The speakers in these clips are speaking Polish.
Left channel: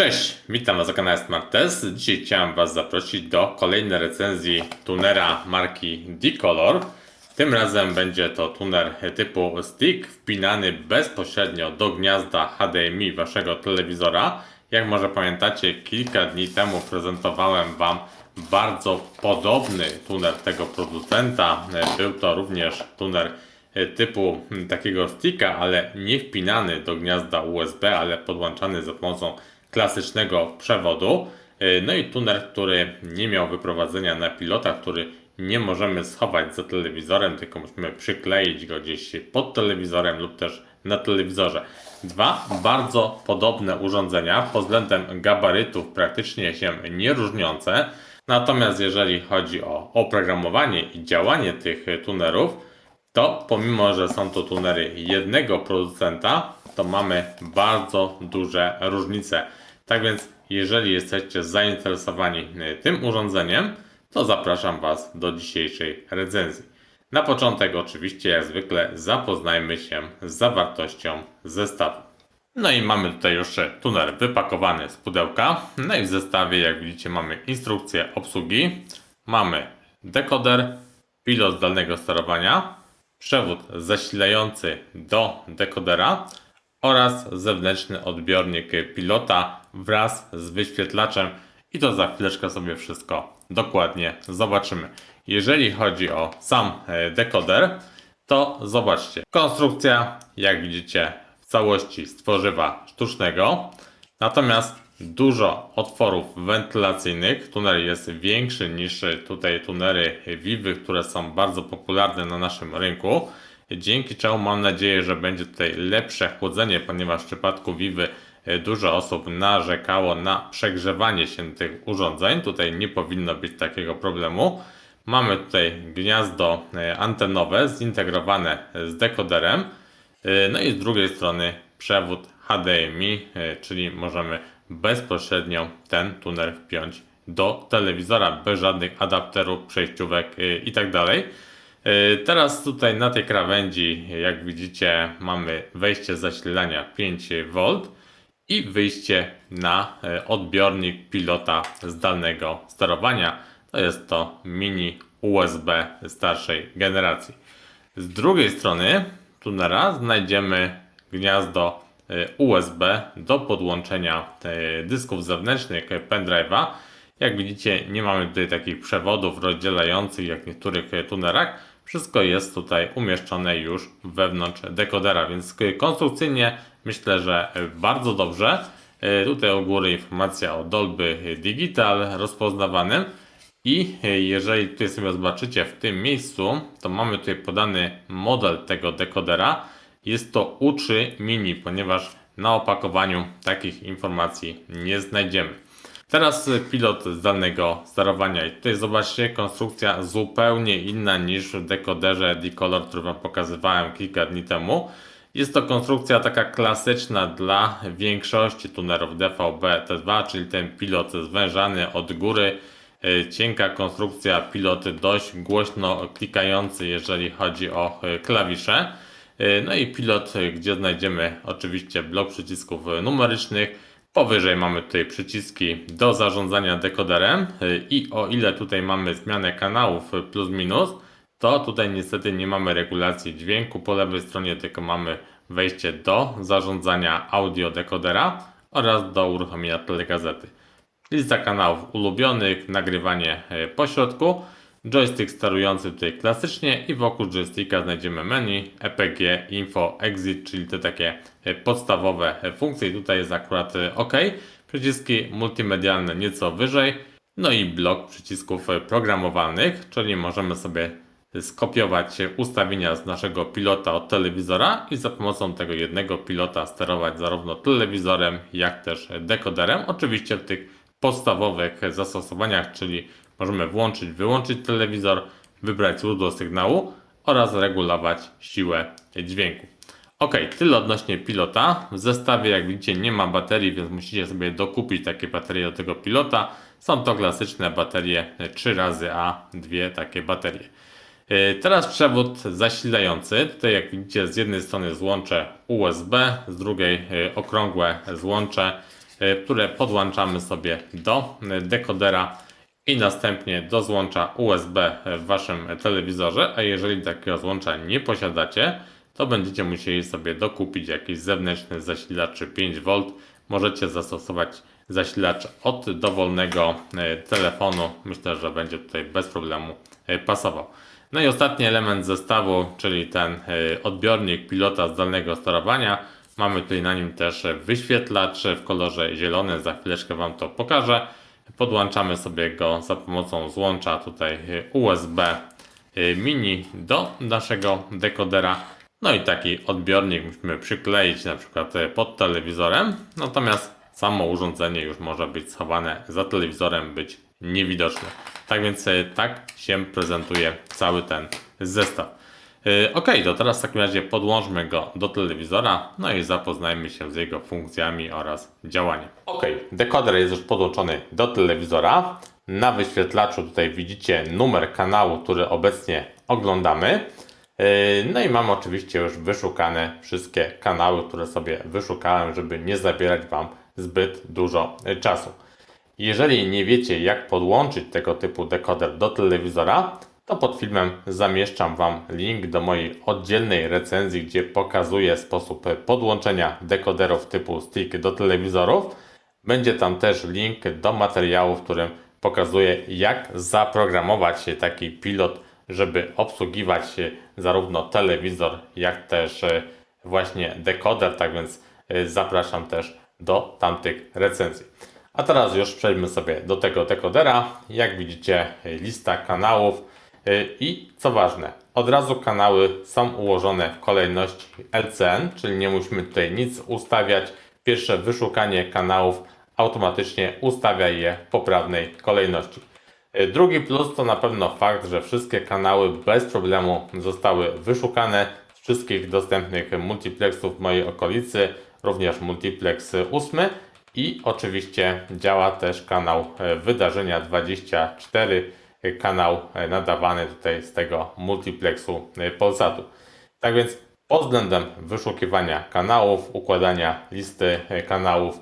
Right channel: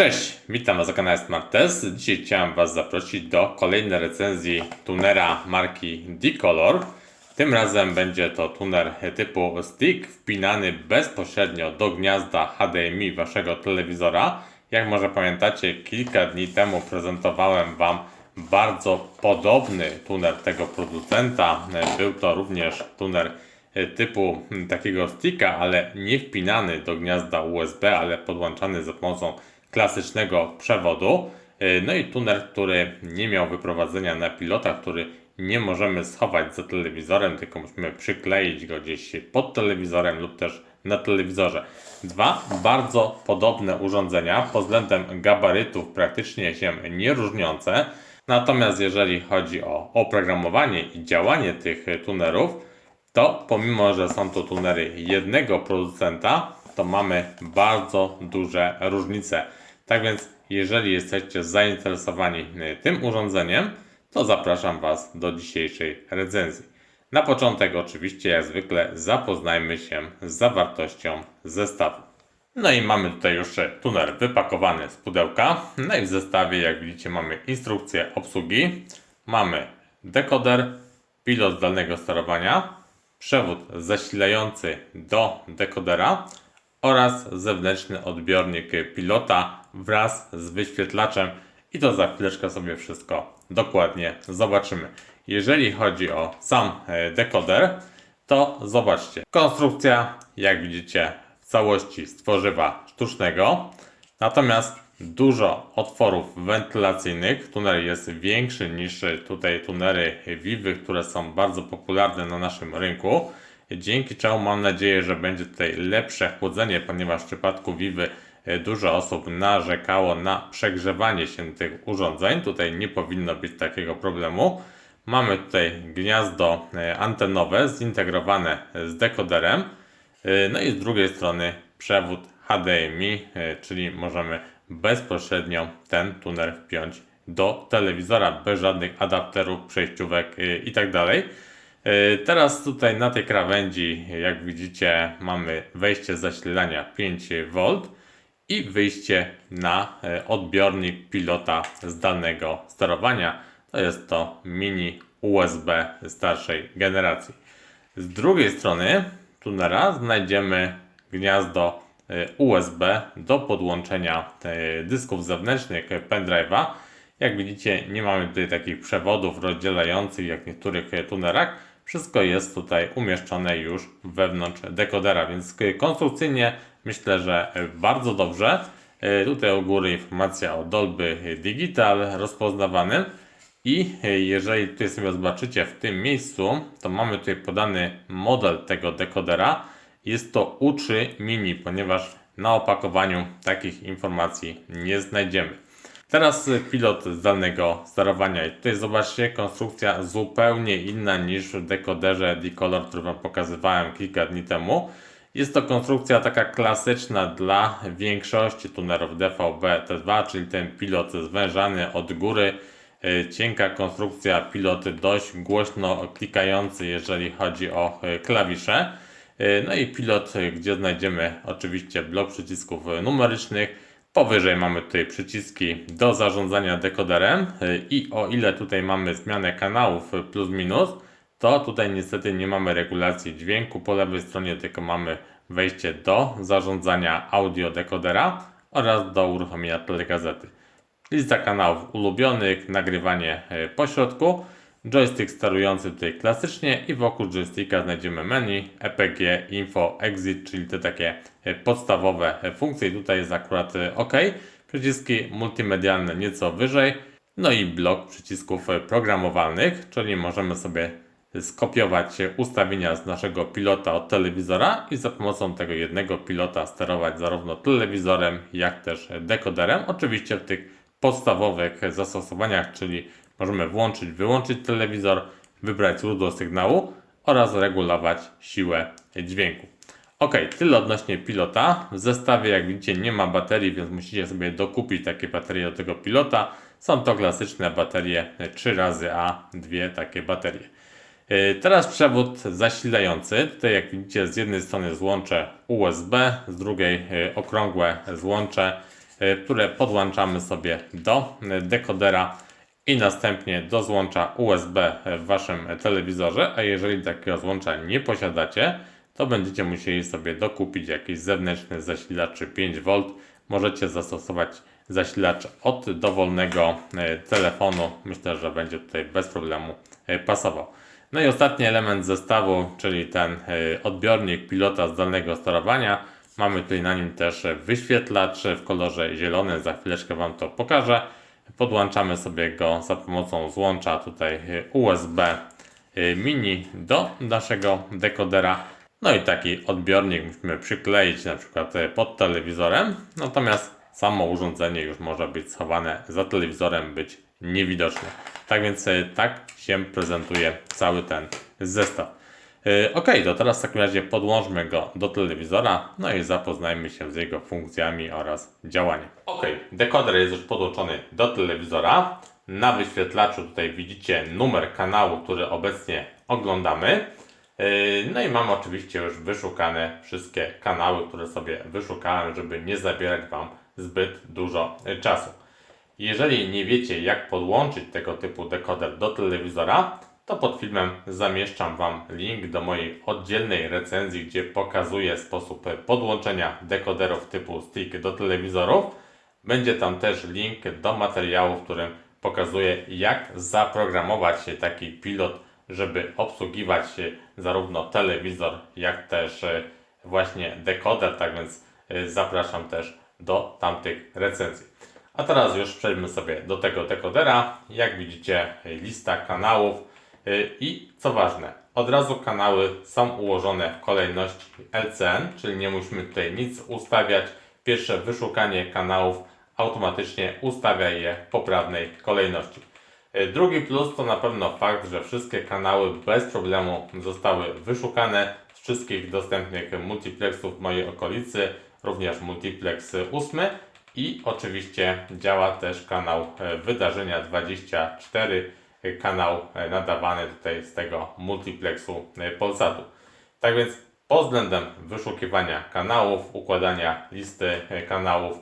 Cześć, witam Was na kanale Smart Test. Dzisiaj chciałem Was zaprosić do kolejnej recenzji tunera marki D-Color. Tym razem będzie to tuner typu stick wpinany bezpośrednio do gniazda HDMI Waszego telewizora. Jak może pamiętacie, kilka dni temu prezentowałem Wam bardzo podobny tuner tego producenta. Był to również tuner typu takiego sticka, ale nie wpinany do gniazda USB, ale podłączany za pomocą klasycznego przewodu. Yy, No i tuner, który nie miał wyprowadzenia na pilota, który nie możemy schować za telewizorem, tylko musimy przykleić go gdzieś pod telewizorem lub też na telewizorze. Dwa bardzo podobne urządzenia pod względem gabarytów praktycznie się nie różniące. Natomiast jeżeli chodzi o oprogramowanie i działanie tych tunerów, to pomimo, że są to tunery jednego producenta, to mamy bardzo duże różnice. Tak więc, jeżeli jesteście zainteresowani y, tym urządzeniem, to zapraszam Was do dzisiejszej recenzji. Na początek, oczywiście, jak zwykle, zapoznajmy się z zawartością zestawu. No i mamy tutaj już tuner wypakowany z pudełka. No i w zestawie, jak widzicie, mamy instrukcję obsługi, mamy dekoder, pilot zdalnego sterowania, przewód zasilający do dekodera oraz zewnętrzny odbiornik pilota wraz z wyświetlaczem i to za chwileczkę sobie wszystko dokładnie zobaczymy. Jeżeli chodzi o sam e, dekoder, to zobaczcie. Konstrukcja, jak widzicie, w całości z tworzywa sztucznego, natomiast dużo otworów wentylacyjnych. Tuner jest większy niż tutaj tunery Vivy, które są bardzo popularne na naszym rynku. Dzięki czemu mam nadzieję, że będzie tutaj lepsze chłodzenie, ponieważ w przypadku Vivy dużo osób narzekało na przegrzewanie się tych urządzeń. Tutaj nie powinno być takiego problemu. Mamy tutaj gniazdo e, antenowe zintegrowane z dekoderem. E, No i z drugiej strony przewód HDMI, e, czyli możemy bezpośrednio ten tuner wpiąć do telewizora bez żadnych adapterów, przejściówek e, itd. E, Teraz tutaj na tej krawędzi, jak widzicie, mamy wejście zasilania 5V i wyjście na e, odbiornik pilota zdalnego sterowania. To jest to mini USB starszej generacji. Z drugiej strony tunera znajdziemy gniazdo e, USB do podłączenia e, dysków zewnętrznych pendrive'a. Jak widzicie, nie mamy tutaj takich przewodów rozdzielających jak w niektórych tunerach. Wszystko jest tutaj umieszczone już wewnątrz dekodera, więc konstrukcyjnie myślę, że bardzo dobrze. E, Tutaj u góry informacja o Dolby Digital rozpoznawanym. I jeżeli tutaj sobie zobaczycie w tym miejscu, to mamy tutaj podany model tego dekodera. Jest to U3 Mini, ponieważ na opakowaniu takich informacji nie znajdziemy. Teraz pilot zdalnego sterowania. I tutaj zobaczcie, konstrukcja zupełnie inna niż w dekoderze D-Color, który Wam pokazywałem kilka dni temu. Jest to konstrukcja taka klasyczna dla większości tunerów DVB-T2, czyli ten pilot zwężany od góry. Y, Cienka konstrukcja, pilot dość głośno klikający, jeżeli chodzi o y, klawisze. Y, No i pilot, gdzie znajdziemy oczywiście blok przycisków numerycznych. Powyżej mamy tutaj przyciski do zarządzania dekoderem i o ile tutaj mamy zmianę kanałów plus minus, to tutaj niestety nie mamy regulacji dźwięku po lewej stronie, tylko mamy wejście do zarządzania audio dekodera oraz do uruchomienia telegazety. Lista kanałów ulubionych, nagrywanie e, po środku, joystick sterujący tutaj klasycznie i wokół joysticka znajdziemy menu, EPG, info, exit, czyli te takie e, podstawowe e, funkcje. I Tutaj jest akurat OK. Przyciski multimedialne nieco wyżej. No i blok przycisków programowalnych, czyli możemy sobie skopiować ustawienia z naszego pilota od telewizora i za pomocą tego jednego pilota sterować zarówno telewizorem, jak też dekoderem. Oczywiście w tych podstawowych zastosowaniach, czyli możemy włączyć, wyłączyć telewizor, wybrać źródło sygnału oraz regulować siłę dźwięku. Ok, tyle odnośnie pilota. W zestawie, jak widzicie, nie ma baterii, więc musicie sobie dokupić takie baterie do tego pilota. Są to klasyczne baterie 3 razy A, dwie takie baterie. Yy, Teraz przewód zasilający. Tutaj jak widzicie z jednej strony złącze USB, z drugiej yy, okrągłe złącze e, które podłączamy sobie do e, dekodera i następnie do złącza USB w waszym telewizorze, a jeżeli takiego złącza nie posiadacie, to będziecie musieli sobie dokupić jakiś zewnętrzny zasilacz 5V. Możecie zastosować zasilacz od dowolnego e, telefonu. Myślę, że będzie tutaj bez problemu e, pasował. No i ostatni element zestawu, czyli ten e, odbiornik pilota zdalnego sterowania. Mamy tutaj na nim też wyświetlacz w kolorze zielonym. Za chwileczkę Wam to pokażę. Podłączamy sobie go za pomocą złącza tutaj USB mini do naszego dekodera. No i taki odbiornik musimy przykleić na przykład e, pod telewizorem, natomiast samo urządzenie już może być schowane za telewizorem, być niewidoczne. Tak więc e, tak się prezentuje cały ten zestaw. E, Ok, to teraz w takim razie podłączmy go do telewizora, no i zapoznajmy się z jego funkcjami oraz działaniem. Ok, dekoder jest już podłączony do telewizora. Na wyświetlaczu tutaj widzicie numer kanału, który obecnie oglądamy. Yy, No i mam oczywiście już wyszukane wszystkie kanały, które sobie wyszukałem, żeby nie zabierać Wam zbyt dużo czasu. Jeżeli nie wiecie, jak podłączyć tego typu dekoder do telewizora, to pod filmem zamieszczam Wam link do mojej oddzielnej recenzji, gdzie pokazuję sposób podłączenia dekoderów typu stick do telewizorów. Będzie tam też link do materiału, w którym pokazuję, jak zaprogramować taki pilot żeby obsługiwać zarówno telewizor, jak też e, właśnie dekoder, tak więc e, zapraszam też do tamtych recenzji. A teraz już przejdźmy sobie do tego dekodera. Jak widzicie, lista kanałów i co ważne, od razu kanały są ułożone w kolejności LCN, czyli nie musimy tutaj nic ustawiać. Pierwsze wyszukanie kanałów automatycznie ustawia je w poprawnej kolejności. E, drugi plus to na pewno fakt, że wszystkie kanały bez problemu zostały wyszukane z wszystkich dostępnych multiplexów w mojej okolicy, również multiplex 8 i oczywiście działa też kanał e, Wydarzenia 24, e, kanał nadawany tutaj z tego multiplexu Polsatu. Tak więc pod względem wyszukiwania kanałów, układania listy kanałów,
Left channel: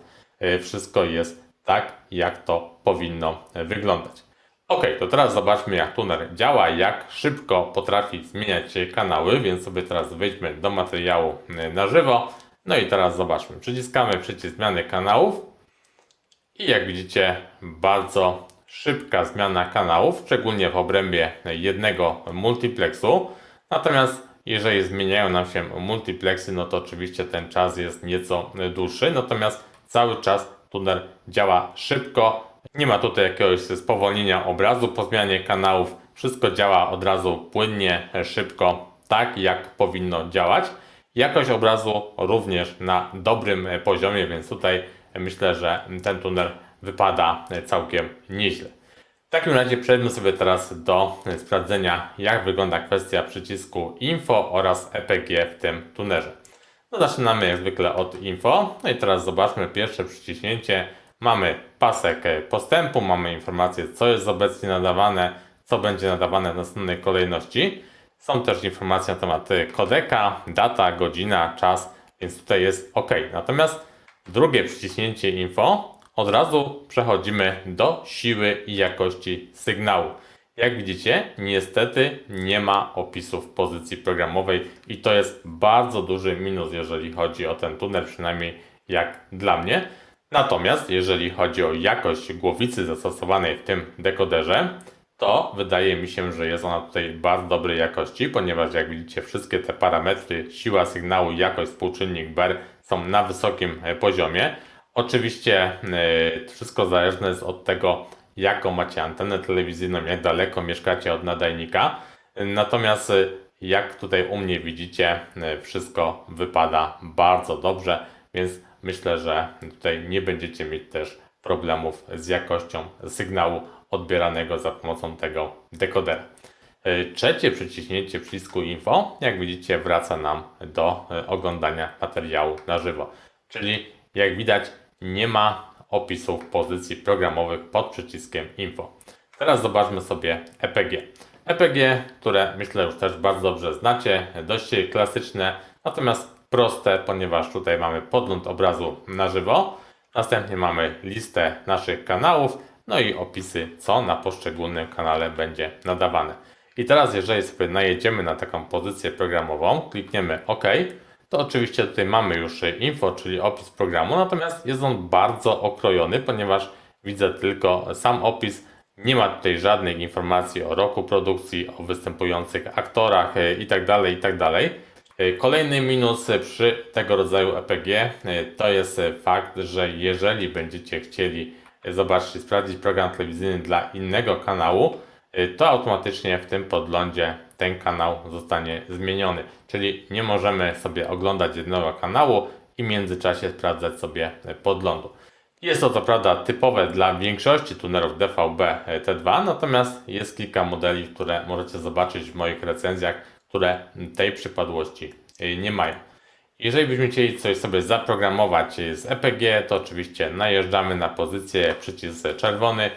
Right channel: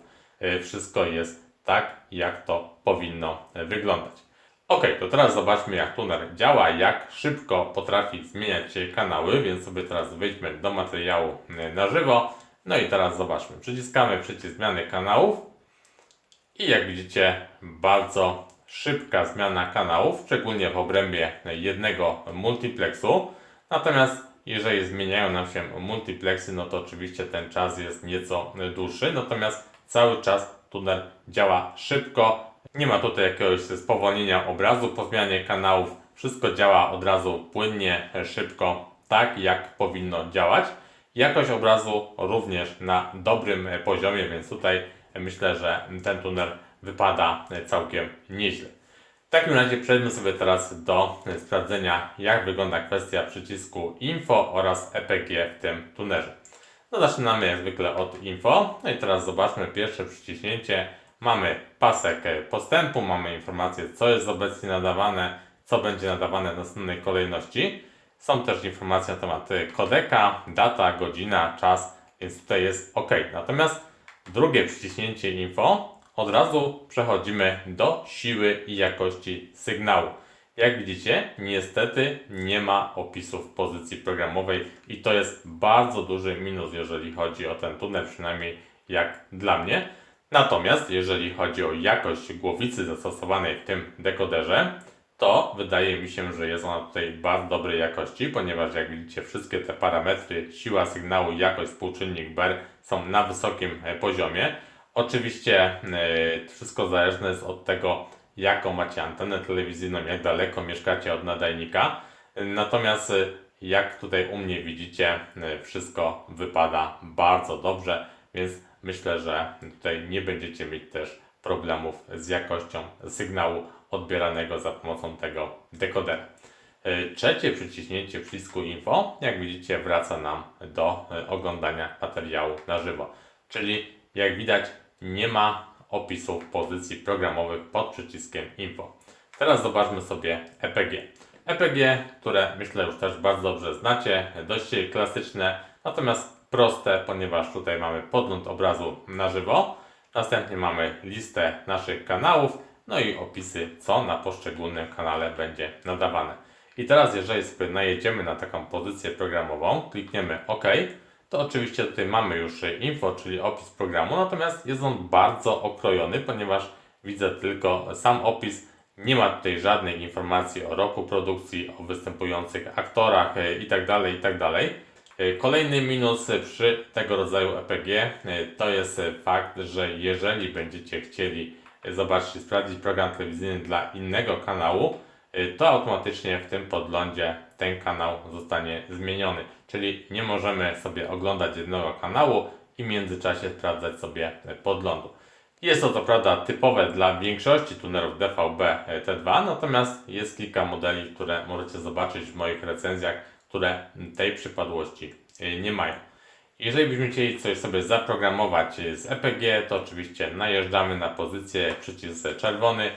wszystko jest tak, jak to powinno wyglądać. Ok, to teraz zobaczmy jak tuner działa, jak szybko potrafi zmieniać kanały, więc sobie teraz wejdźmy do materiału e, na żywo. No i teraz zobaczmy, przyciskamy przycisk zmiany kanałów i jak widzicie bardzo szybka zmiana kanałów, szczególnie w obrębie jednego multiplexu. Natomiast jeżeli zmieniają nam się multiplexy, no to oczywiście ten czas jest nieco dłuższy, natomiast cały czas tuner działa szybko, nie ma tutaj jakiegoś spowolnienia obrazu po zmianie kanałów. Wszystko działa od razu płynnie, szybko, tak jak powinno działać. Jakość obrazu również na dobrym poziomie, więc tutaj myślę, że ten tunel wypada całkiem nieźle. W takim razie przejdźmy sobie teraz do sprawdzenia, jak wygląda kwestia przycisku Info oraz EPG w tym tunerze. No zaczynamy jak zwykle od Info. No i teraz zobaczmy pierwsze przyciśnięcie Mamy pasek postępu, mamy informację, co jest obecnie nadawane, co będzie nadawane w następnej kolejności. Są też informacje na temat kodeka, data, godzina, czas, więc tutaj jest OK. Natomiast drugie przyciśnięcie info, od razu przechodzimy do siły i jakości sygnału. Jak widzicie, niestety nie ma opisów pozycji programowej i to jest bardzo duży minus, jeżeli chodzi o ten tunel, przynajmniej jak dla mnie. Natomiast jeżeli chodzi o jakość głowicy zastosowanej w tym dekoderze, to wydaje mi się, że jest ona tutaj bardzo dobrej jakości, ponieważ jak widzicie wszystkie te parametry, siła sygnału, jakość, współczynnik BER są na wysokim e, poziomie. Oczywiście yy, wszystko zależne jest od tego, jaką macie antenę telewizyjną, jak daleko mieszkacie od nadajnika. Natomiast e, jak tutaj u mnie widzicie, wszystko wypada bardzo dobrze, więc myślę, że tutaj nie będziecie mieć też problemów z jakością sygnału odbieranego za pomocą tego dekodera. E, trzecie przyciśnięcie przycisku info, jak widzicie, wraca nam do e, oglądania materiału na żywo. Czyli jak widać, nie ma opisów pozycji programowych pod przyciskiem info. Teraz zobaczmy sobie EPG. EPG, które myślę już też bardzo dobrze znacie, dość klasyczne, natomiast proste, ponieważ tutaj mamy podgląd obrazu na żywo. Następnie mamy listę naszych kanałów, no i opisy, co na poszczególnym kanale będzie nadawane. I teraz, jeżeli sobie najedziemy na taką pozycję programową, klikniemy OK, to oczywiście tutaj mamy już info, czyli opis programu, natomiast jest on bardzo okrojony, ponieważ widzę tylko sam opis, nie ma tutaj żadnych informacji o roku produkcji, o występujących aktorach e, itd. itd. E, Kolejny minus przy tego rodzaju EPG e, to jest fakt, że jeżeli będziecie chcieli zobaczyć, sprawdzić program telewizyjny dla innego kanału, y, to automatycznie w tym podglądzie ten kanał zostanie zmieniony. Czyli nie możemy sobie oglądać jednego kanału i w międzyczasie sprawdzać sobie podglądu. Jest to co prawda typowe dla większości tunerów DVB T2, natomiast jest kilka modeli, które możecie zobaczyć w moich recenzjach, które tej przypadłości y, nie mają. Jeżeli byśmy chcieli coś sobie zaprogramować z EPG, to oczywiście najeżdżamy na pozycję przycisk czerwony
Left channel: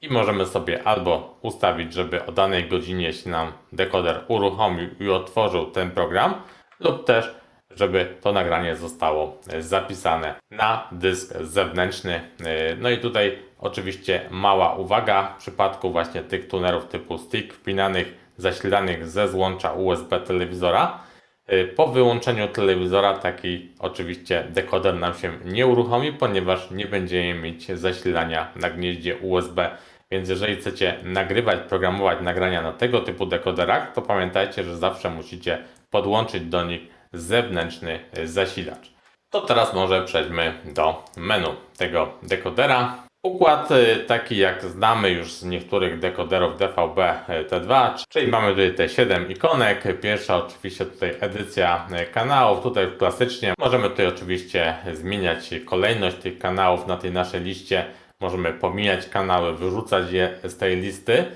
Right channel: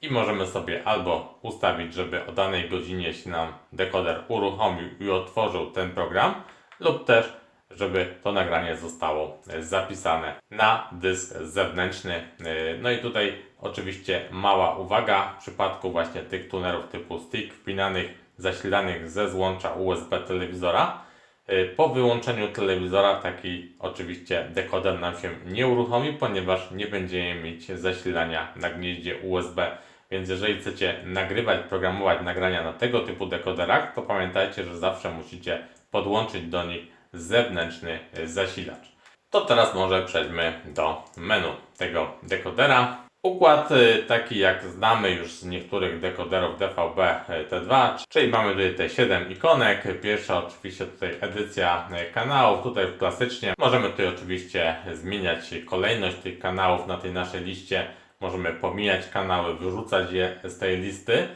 i możemy sobie albo ustawić, żeby o danej godzinie się nam dekoder uruchomił i otworzył ten program, lub też, żeby to nagranie zostało zapisane na dysk zewnętrzny. No i tutaj oczywiście mała uwaga w przypadku właśnie tych tunerów typu stick wpinanych, zasilanych ze złącza USB telewizora Y, Po wyłączeniu telewizora taki oczywiście dekoder nam się nie uruchomi, ponieważ nie będziemy mieć zasilania na gnieździe USB. Więc jeżeli chcecie nagrywać, programować nagrania na tego typu dekoderach, to pamiętajcie, że zawsze musicie podłączyć do nich zewnętrzny zasilacz. To teraz może przejdźmy do menu tego dekodera. Układ y, taki jak znamy już z niektórych dekoderów DVB y, T2, czyli mamy tutaj te 7 ikonek. Pierwsza oczywiście tutaj edycja y, kanałów, tutaj klasycznie. Możemy tutaj oczywiście zmieniać kolejność tych kanałów na tej naszej liście. Możemy pomijać kanały, wyrzucać je z tej listy.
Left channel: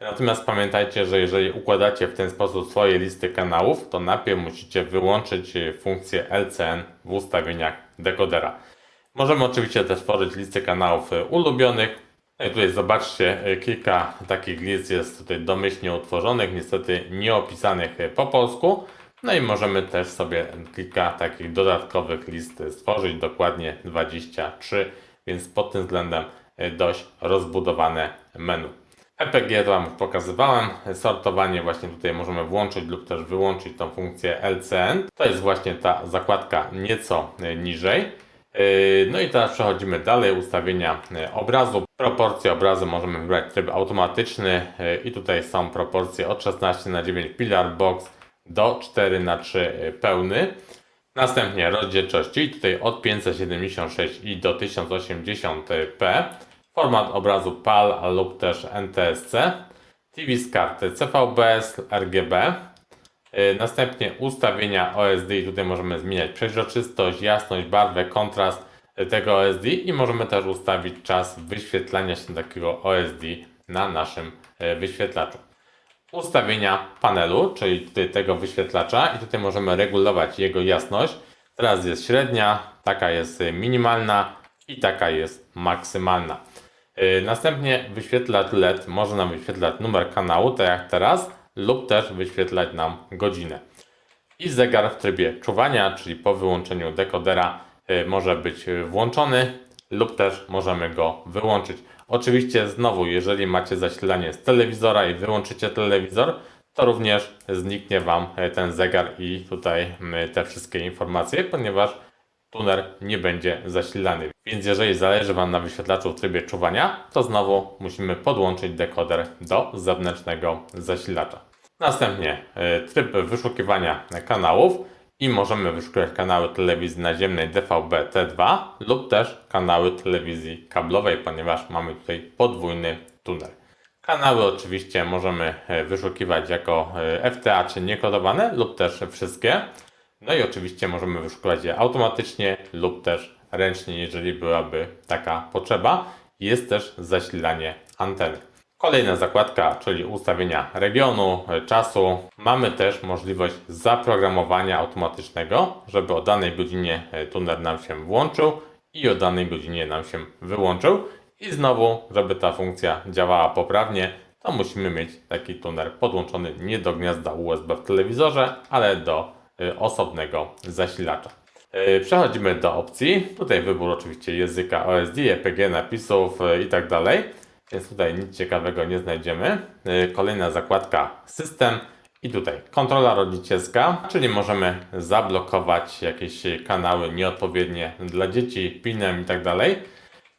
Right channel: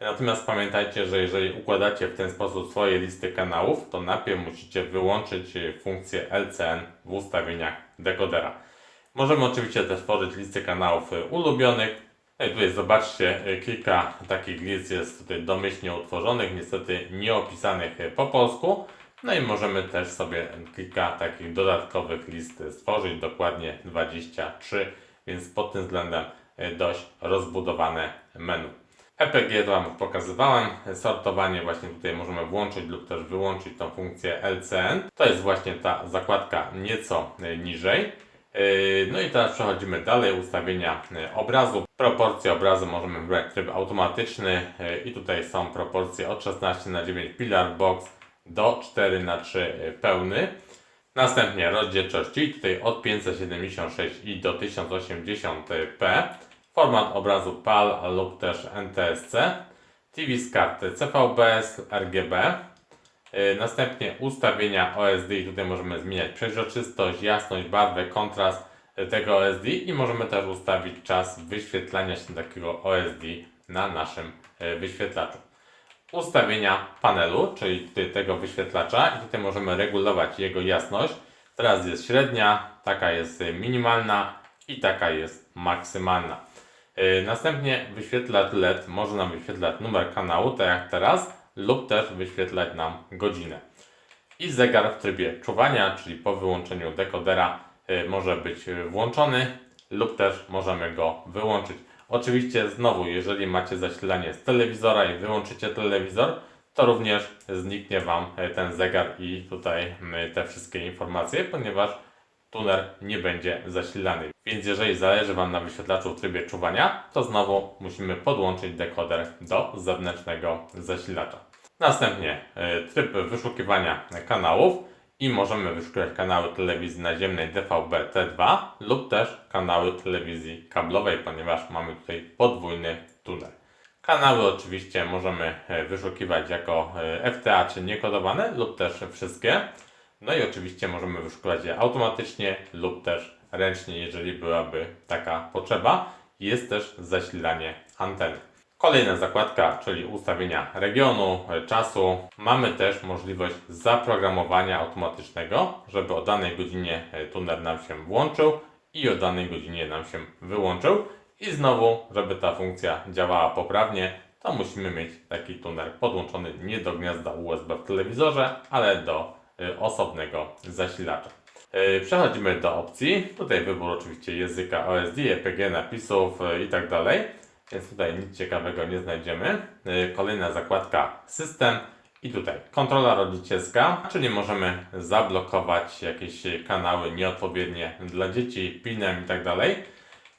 Natomiast pamiętajcie, że jeżeli układacie w ten sposób swoje listy kanałów, to najpierw musicie wyłączyć funkcję LCN w ustawieniach dekodera. Możemy oczywiście też tworzyć listy kanałów e, ulubionych. No i tutaj zobaczcie, e, kilka takich list jest tutaj domyślnie utworzonych, niestety nie opisanych e, po polsku. No i możemy też sobie kilka takich dodatkowych list stworzyć, dokładnie 23, więc pod tym względem dość rozbudowane menu. EPG to Wam pokazywałem. Sortowanie właśnie tutaj możemy włączyć lub też wyłączyć tą funkcję LCN. To jest właśnie ta zakładka nieco niżej. Yy, no i teraz przechodzimy dalej, ustawienia yy, obrazu. Proporcje obrazu możemy wybrać tryb automatyczny yy, i tutaj są proporcje od 16 na 9 pillar box do 4 na 3 pełny. Następnie rozdzielczość, czyli tutaj od 576 i do 1080p. Format obrazu PAL lub też NTSC. TV z karty CVBS, RGB. Y, następnie ustawienia OSD i tutaj możemy zmieniać przeźroczystość, jasność, barwę, kontrast y, tego OSD i możemy też ustawić czas wyświetlania się takiego OSD na naszym y, wyświetlaczu. Ustawienia panelu, czyli tego wyświetlacza i tutaj możemy regulować jego jasność. Teraz jest średnia, taka jest minimalna i taka jest maksymalna. Następnie wyświetlacz LED może nam wyświetlać numer kanału, tak jak teraz, lub też wyświetlać nam godzinę. I zegar w trybie czuwania, czyli po wyłączeniu dekodera y, może być włączony lub też możemy go wyłączyć. Oczywiście znowu, jeżeli macie zasilanie z telewizora i wyłączycie telewizor, to również zniknie Wam y, ten zegar i tutaj y, te wszystkie informacje, ponieważ tuner nie będzie zasilany. Więc jeżeli zależy Wam na wyświetlaczu w trybie czuwania, to znowu musimy podłączyć dekoder do zewnętrznego zasilacza. Następnie e, tryb wyszukiwania kanałów i możemy wyszukiwać kanały telewizji naziemnej DVB T2 lub też kanały telewizji kablowej, ponieważ mamy tutaj podwójny tunel. Kanały oczywiście możemy e, wyszukiwać jako e, FTA czy niekodowane lub też wszystkie. No i oczywiście możemy wyszukiwać je automatycznie lub też ręcznie, jeżeli byłaby taka potrzeba. Jest też zasilanie anteny. Kolejna zakładka, czyli ustawienia regionu, czasu. Mamy też możliwość zaprogramowania automatycznego, żeby o danej godzinie tuner nam się włączył i o danej godzinie nam się wyłączył. I znowu, żeby ta funkcja działała poprawnie, to musimy mieć taki tuner podłączony nie do gniazda USB w telewizorze, ale do Y, osobnego zasilacza. E, Przechodzimy do opcji. Tutaj wybór oczywiście języka OSD, EPG, napisów e, i tak dalej. Więc tutaj nic ciekawego nie znajdziemy. E, Kolejna zakładka system i tutaj kontrola rodzicielska, czyli możemy zablokować jakieś kanały nieodpowiednie dla dzieci, pinem i tak dalej.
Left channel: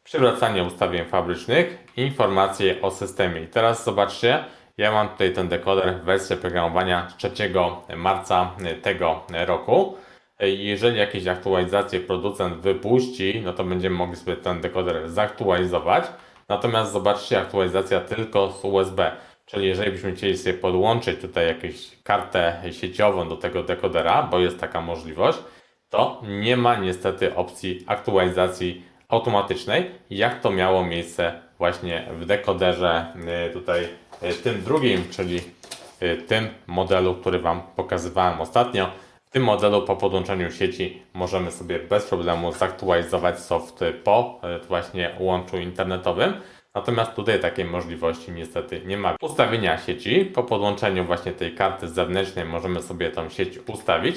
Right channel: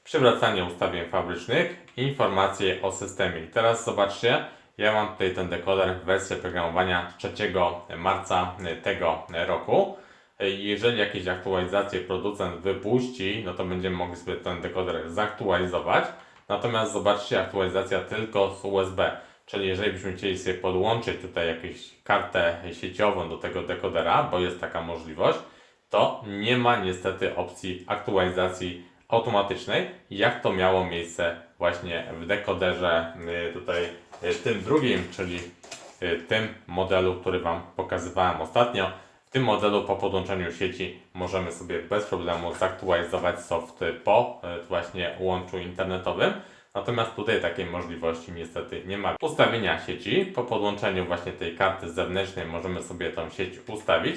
Przywracanie ustawień fabrycznych, informacje o systemie. I teraz zobaczcie, ja mam tutaj ten dekoder w wersji oprogramowania z 3 marca tego roku. Jeżeli jakieś aktualizacje producent wypuści, no to będziemy mogli sobie ten dekoder zaktualizować. Natomiast zobaczcie, aktualizacja tylko z USB. Czyli jeżeli byśmy chcieli sobie podłączyć tutaj jakąś kartę sieciową do tego dekodera, bo jest taka możliwość, to nie ma niestety opcji aktualizacji automatycznej, jak to miało miejsce właśnie w dekoderze y, tutaj y, tym drugim, czyli y, tym modelu, który Wam pokazywałem ostatnio. W tym modelu po podłączeniu sieci możemy sobie bez problemu zaktualizować soft po y, właśnie łączu internetowym. Natomiast tutaj takiej możliwości niestety nie ma. Ustawienia sieci po podłączeniu właśnie tej karty zewnętrznej możemy sobie tą sieć ustawić.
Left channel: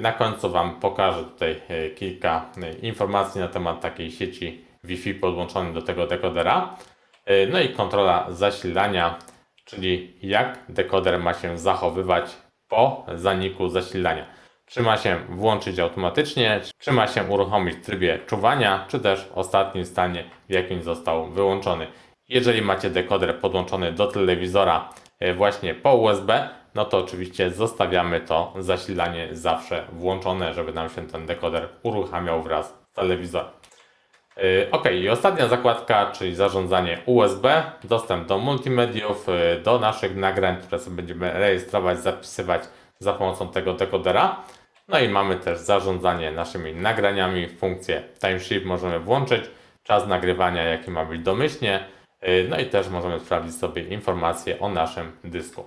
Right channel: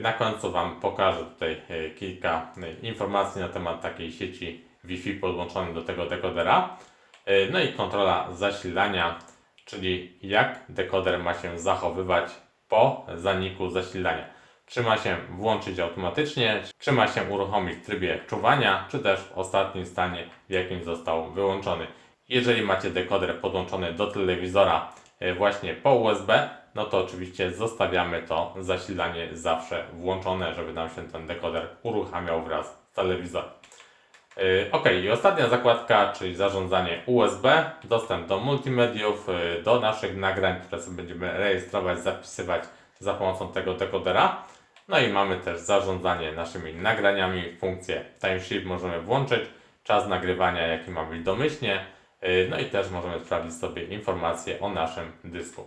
Na końcu Wam pokażę tutaj e, kilka e, informacji na temat takiej sieci Wi-Fi podłączonej do tego dekodera. E, No i kontrola zasilania, czyli jak dekoder ma się zachowywać po zaniku zasilania. Czy ma się włączyć automatycznie, czy ma się uruchomić w trybie czuwania, czy też w ostatnim stanie, w jakim został wyłączony. Jeżeli macie dekoder podłączony do telewizora e, właśnie po USB, no to oczywiście zostawiamy to zasilanie zawsze włączone, żeby nam się ten dekoder uruchamiał wraz z telewizorem. Yy, Ok, i ostatnia zakładka, czyli zarządzanie USB, dostęp do multimediów, yy, do naszych nagrań, które sobie będziemy rejestrować, zapisywać za pomocą tego dekodera. No i mamy też zarządzanie naszymi nagraniami, funkcję timeshift możemy włączyć, czas nagrywania jaki ma być domyślnie, yy, no i też możemy sprawdzić sobie informacje o naszym dysku.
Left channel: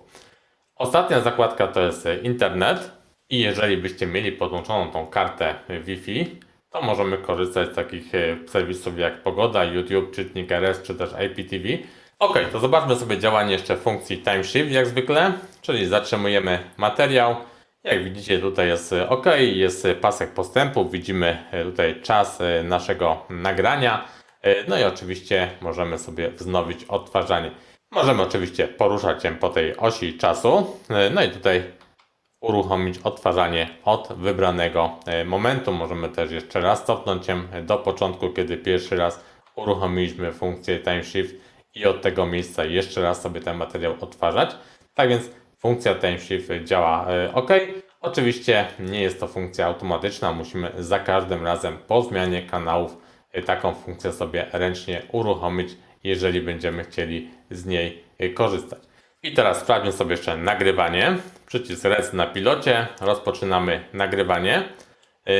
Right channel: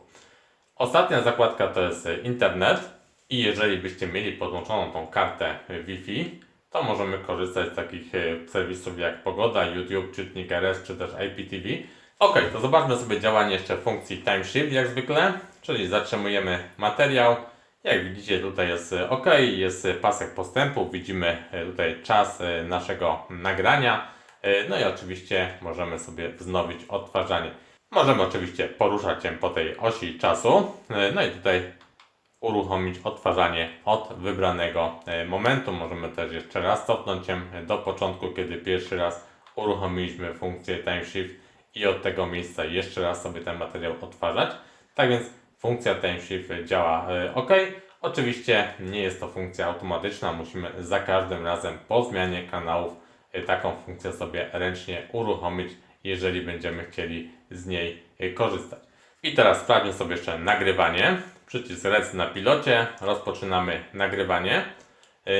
Ostatnia zakładka to jest e, internet i jeżeli byście mieli podłączoną tą kartę e, Wi-Fi, to możemy korzystać z takich serwisów jak Pogoda, YouTube, Czytnik RS czy też IPTV. Ok, to zobaczmy sobie działanie jeszcze funkcji Time Shift jak zwykle, czyli zatrzymujemy materiał. Jak widzicie tutaj jest e, OK, jest e, pasek postępu, widzimy e, tutaj czas naszego nagrania. No i oczywiście możemy sobie wznowić odtwarzanie. Możemy oczywiście poruszać się po tej osi czasu. No i tutaj uruchomić odtwarzanie od wybranego momentu. Możemy też jeszcze raz cofnąć się do początku, kiedy pierwszy raz uruchomiliśmy funkcję Time Shift i od tego miejsca jeszcze raz sobie ten materiał odtwarzać. Tak więc funkcja Time Shift działa e, OK. Oczywiście nie jest to funkcja automatyczna, musimy za każdym razem po zmianie kanałów e, taką funkcję sobie ręcznie uruchomić, jeżeli będziemy chcieli z niej e, korzystać. I teraz sprawdźmy sobie jeszcze nagrywanie. Przycisk Rec na pilocie. Rozpoczynamy nagrywanie.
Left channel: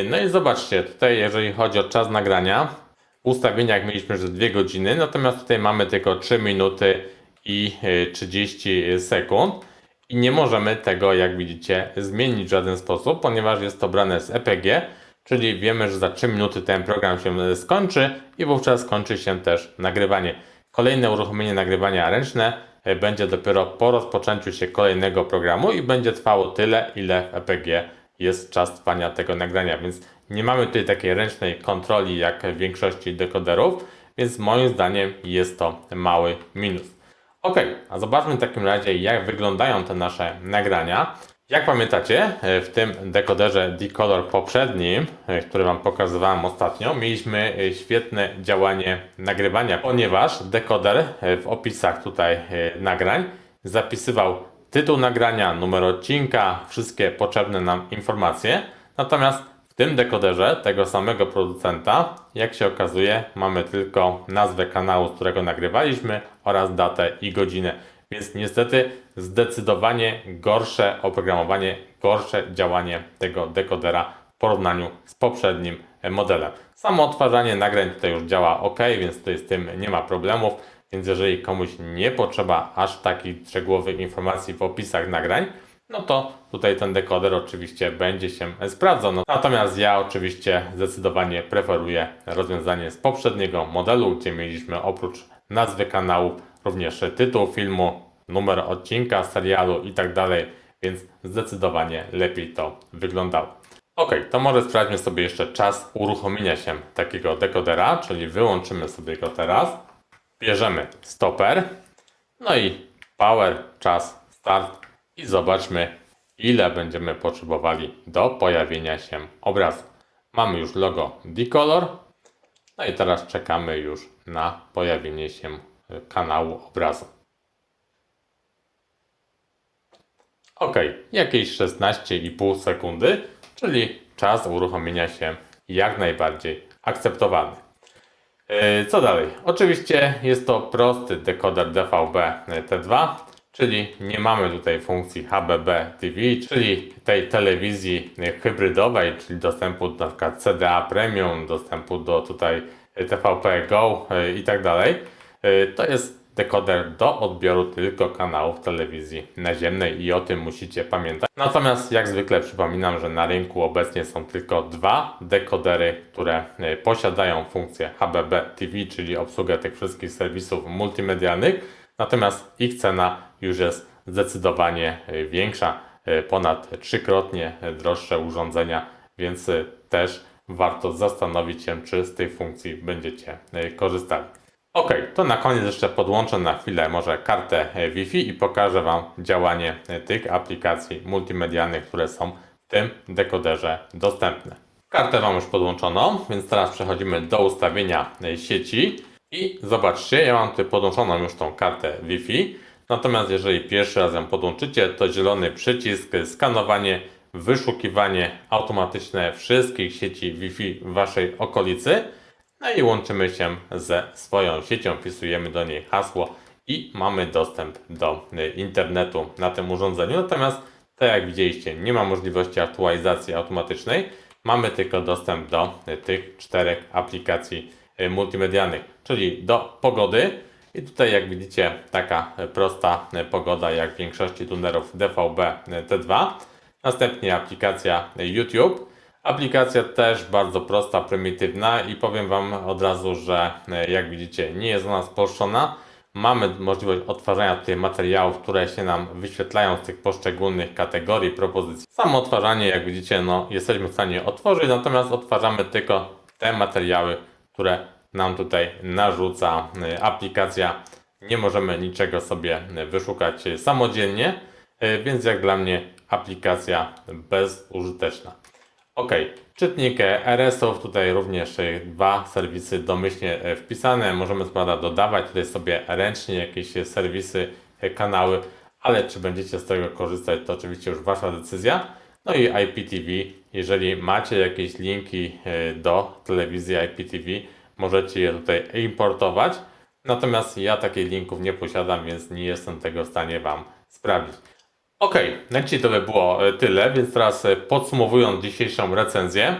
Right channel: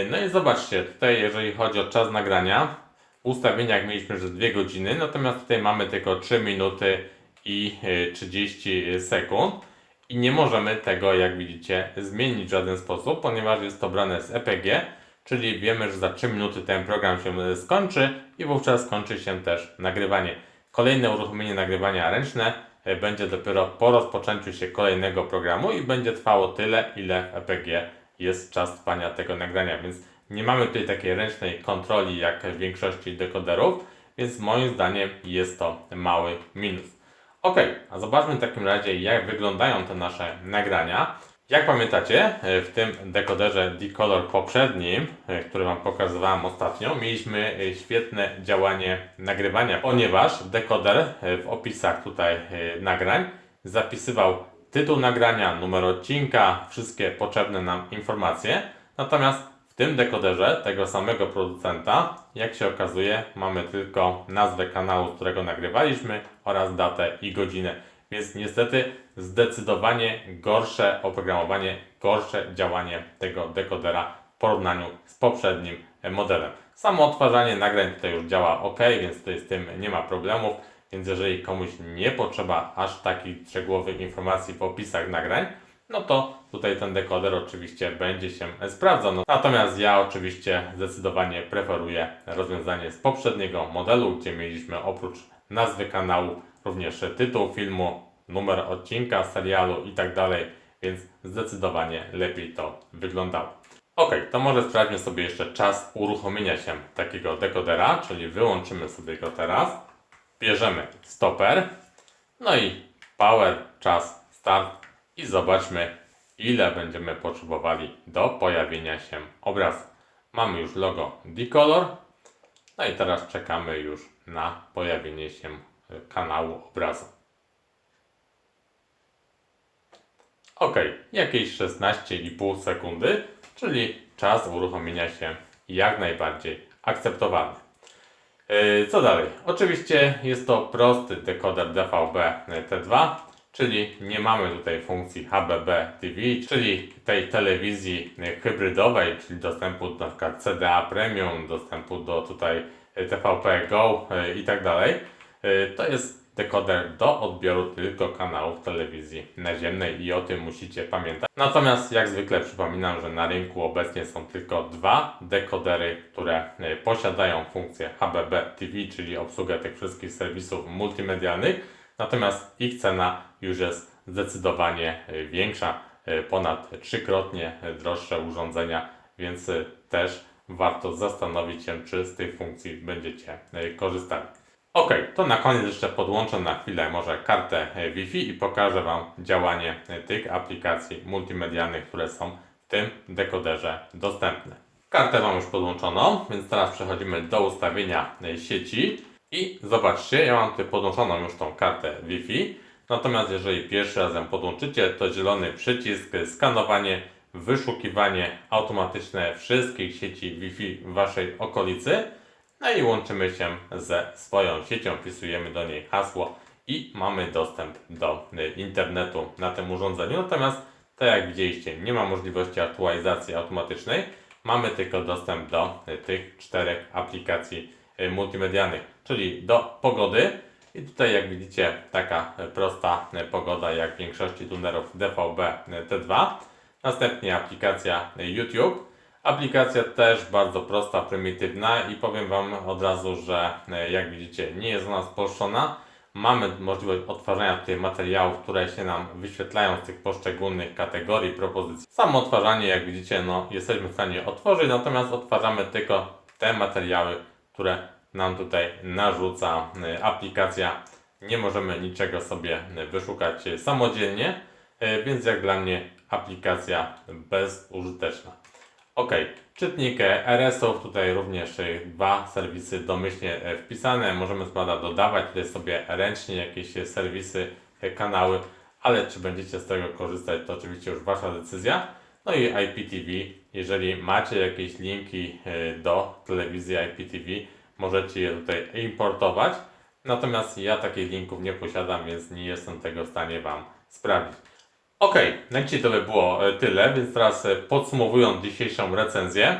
No i zobaczcie, tutaj jeżeli chodzi o czas nagrania, w ustawieniach mieliśmy, że 2 godziny, natomiast tutaj mamy tylko 3 minuty i yy, 30 sekund. I nie możemy tego, jak widzicie, zmienić w żaden sposób, ponieważ jest to brane z EPG, czyli wiemy, że za 3 minuty ten program się skończy i wówczas skończy się też nagrywanie. Kolejne uruchomienie nagrywania ręczne e, będzie dopiero po rozpoczęciu się kolejnego programu i będzie trwało tyle, ile w EPG jest czas trwania tego nagrania, więc nie mamy tutaj takiej ręcznej kontroli jak w większości dekoderów, więc moim zdaniem jest to mały minus. Ok, a zobaczmy w takim razie jak wyglądają te nasze nagrania. Jak pamiętacie, e, w tym dekoderze Decolor poprzednim, e, który Wam pokazywałem ostatnio, mieliśmy e, świetne działanie nagrywania, ponieważ dekoder w opisach tutaj nagrań zapisywał tytuł nagrania, numer odcinka, wszystkie potrzebne nam informacje. Natomiast w tym dekoderze tego samego producenta, jak się okazuje, mamy tylko nazwę kanału, z którego nagrywaliśmy oraz datę i godzinę. Więc niestety zdecydowanie gorsze oprogramowanie, gorsze działanie tego dekodera w porównaniu z poprzednim modelem. Samo odtwarzanie nagrań tutaj już działa ok, więc tutaj z tym nie ma problemów. Więc jeżeli komuś nie potrzeba aż takich szczegółowych informacji w opisach nagrań, no to tutaj ten dekoder oczywiście będzie się sprawdzał. No, natomiast ja oczywiście zdecydowanie preferuję rozwiązanie z poprzedniego modelu, gdzie mieliśmy oprócz nazwy kanału również tytuł filmu, numer odcinka, serialu i tak dalej, więc zdecydowanie lepiej to wyglądało. Ok, to może sprawdźmy sobie jeszcze czas uruchomienia się takiego dekodera, czyli wyłączymy sobie go teraz. Bierzemy stoper, no i power, czas, start i zobaczmy ile będziemy potrzebowali do pojawienia się obrazu. Mamy już logo Decolor, no i teraz czekamy już na pojawienie się kanału obrazu. Ok, jakieś 16,5 sekundy, czyli czas uruchomienia się jak najbardziej akceptowalny. E, Co dalej? Oczywiście jest to prosty dekoder DVB T2, czyli nie mamy tutaj funkcji HBB TV, czyli tej telewizji hybrydowej, czyli dostępu do przykład CDA Premium, dostępu do tutaj TVP Go e, i tak dalej. E, To jest dekoder do odbioru tylko kanałów telewizji naziemnej i o tym musicie pamiętać. Natomiast jak zwykle przypominam, że na rynku obecnie są tylko dwa dekodery, które e, posiadają funkcję HBB TV, czyli obsługę tych wszystkich serwisów multimedialnych. Natomiast ich cena już jest zdecydowanie e, większa, e, ponad trzykrotnie droższe urządzenia, więc e, też warto zastanowić się, czy z tej funkcji będziecie korzystali. Ok, to na koniec jeszcze podłączę na chwilę może kartę Wi-Fi i pokażę Wam działanie tych aplikacji multimedialnych, które są w tym dekoderze dostępne. Kartę mam już podłączoną, więc teraz przechodzimy do ustawienia sieci i zobaczcie, ja mam tutaj podłączoną już tą kartę Wi-Fi. Natomiast jeżeli pierwszy raz ją podłączycie, to zielony przycisk skanowanie, wyszukiwanie automatyczne wszystkich sieci Wi-Fi w Waszej okolicy. No i łączymy się ze swoją siecią, wpisujemy do niej hasło i mamy dostęp do y, internetu na tym urządzeniu. Natomiast, tak jak widzieliście, nie ma możliwości aktualizacji automatycznej. Mamy tylko dostęp do y, tych czterech aplikacji multimedialnych, czyli do pogody. I tutaj, jak widzicie, taka y, prosta y, pogoda, jak w większości tunerów DVB y, T2. Następnie aplikacja y, YouTube. Aplikacja też bardzo prosta, prymitywna i powiem Wam od razu, że e, jak widzicie nie jest ona spolszczona. Mamy możliwość odtwarzania tutaj materiałów, które się nam wyświetlają z tych poszczególnych kategorii, propozycji. Samo odtwarzanie, jak widzicie, no, jesteśmy w stanie otworzyć, natomiast odtwarzamy tylko te materiały, które nam tutaj narzuca e, aplikacja. Nie możemy niczego sobie e, wyszukać e, samodzielnie, więc jak dla mnie aplikacja bezużyteczna. Ok, czytnik RS-ów, tutaj również dwa serwisy domyślnie wpisane. Możemy składa dodawać tutaj sobie ręcznie jakieś serwisy, kanały, ale czy będziecie z tego korzystać, to oczywiście już Wasza decyzja. No i IPTV, jeżeli macie jakieś linki e, do telewizji IPTV, możecie je tutaj importować. Natomiast ja takich linków nie posiadam, więc nie jestem tego w stanie Wam sprawdzić. Ok, na dzisiaj to by było e, tyle, więc teraz e, podsumowując dzisiejszą recenzję,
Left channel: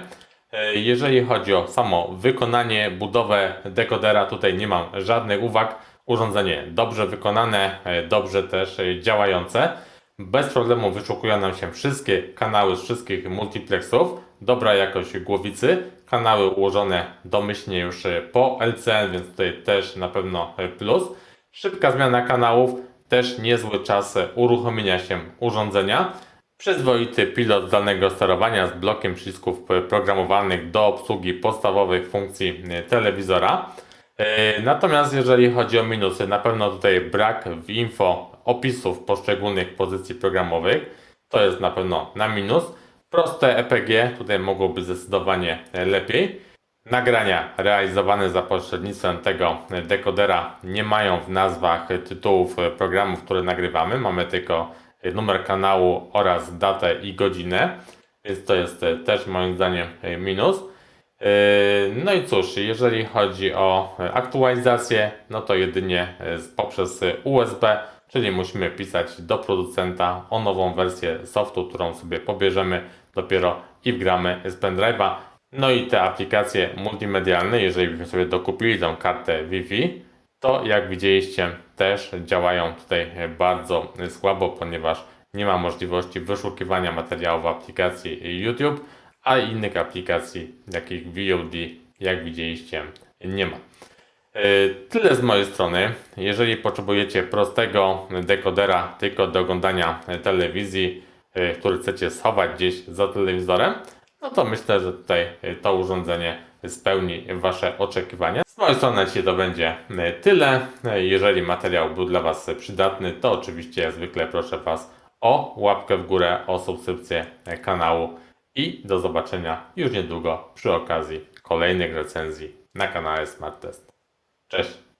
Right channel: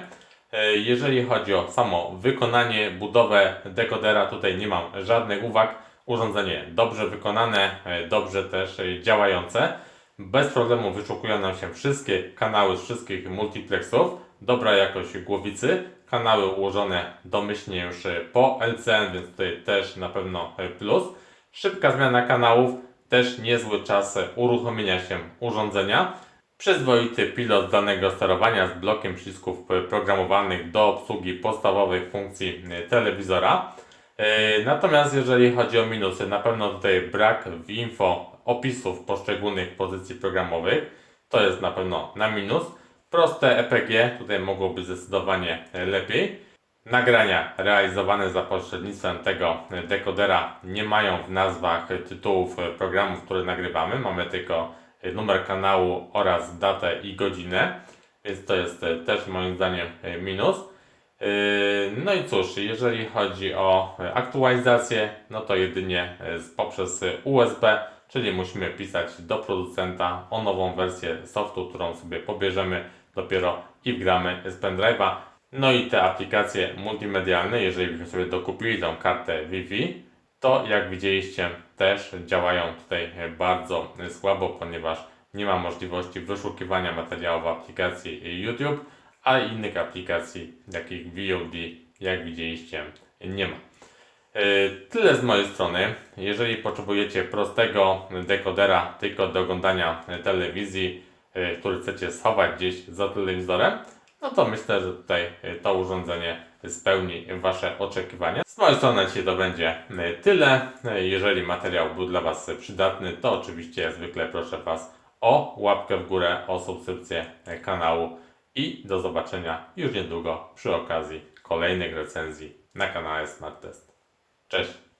jeżeli chodzi o samo wykonanie, budowę dekodera, tutaj nie mam żadnych uwag. Urządzenie dobrze wykonane, dobrze też działające. Bez problemu wyszukują nam się wszystkie kanały z wszystkich multiplexów. Dobra jakość głowicy, kanały ułożone domyślnie już e, po LCN, więc tutaj też na pewno e, plus. Szybka zmiana kanałów, też niezły czas e, uruchomienia się urządzenia. Przyzwoity pilot danego sterowania z blokiem przycisków programowanych do obsługi podstawowych funkcji telewizora. Natomiast jeżeli chodzi o minusy, na pewno tutaj brak w info opisów poszczególnych pozycji programowych. To jest na pewno na minus. Proste EPG tutaj mogłoby zdecydowanie e, lepiej. Nagrania realizowane za pośrednictwem tego dekodera nie mają w nazwach tytułów programów, które nagrywamy. Mamy tylko numer kanału oraz datę i godzinę, więc to jest też moim zdaniem minus. No i cóż, jeżeli chodzi o aktualizację, no to jedynie poprzez USB, czyli musimy pisać do producenta o nową wersję softu, którą sobie pobierzemy dopiero i wgramy z pendrive'a. No i te aplikacje multimedialne, jeżeli byśmy sobie dokupili tą kartę Wi-Fi, to jak widzieliście też działają tutaj bardzo słabo, ponieważ nie ma możliwości wyszukiwania materiałów w aplikacji YouTube, a innych aplikacji, takich VOD, jak widzieliście, nie ma. Yy, Tyle z mojej strony. Jeżeli potrzebujecie prostego dekodera tylko do oglądania telewizji, yy, który chcecie schować gdzieś za telewizorem, no to myślę, że tutaj y, to urządzenie spełni Wasze oczekiwania. Z mojej strony dzisiaj to będzie tyle. Jeżeli materiał był dla Was przydatny, to oczywiście jak zwykle proszę Was o łapkę w górę, o subskrypcję kanału i do zobaczenia już niedługo przy okazji kolejnych recenzji na kanale Smart Test. Cześć!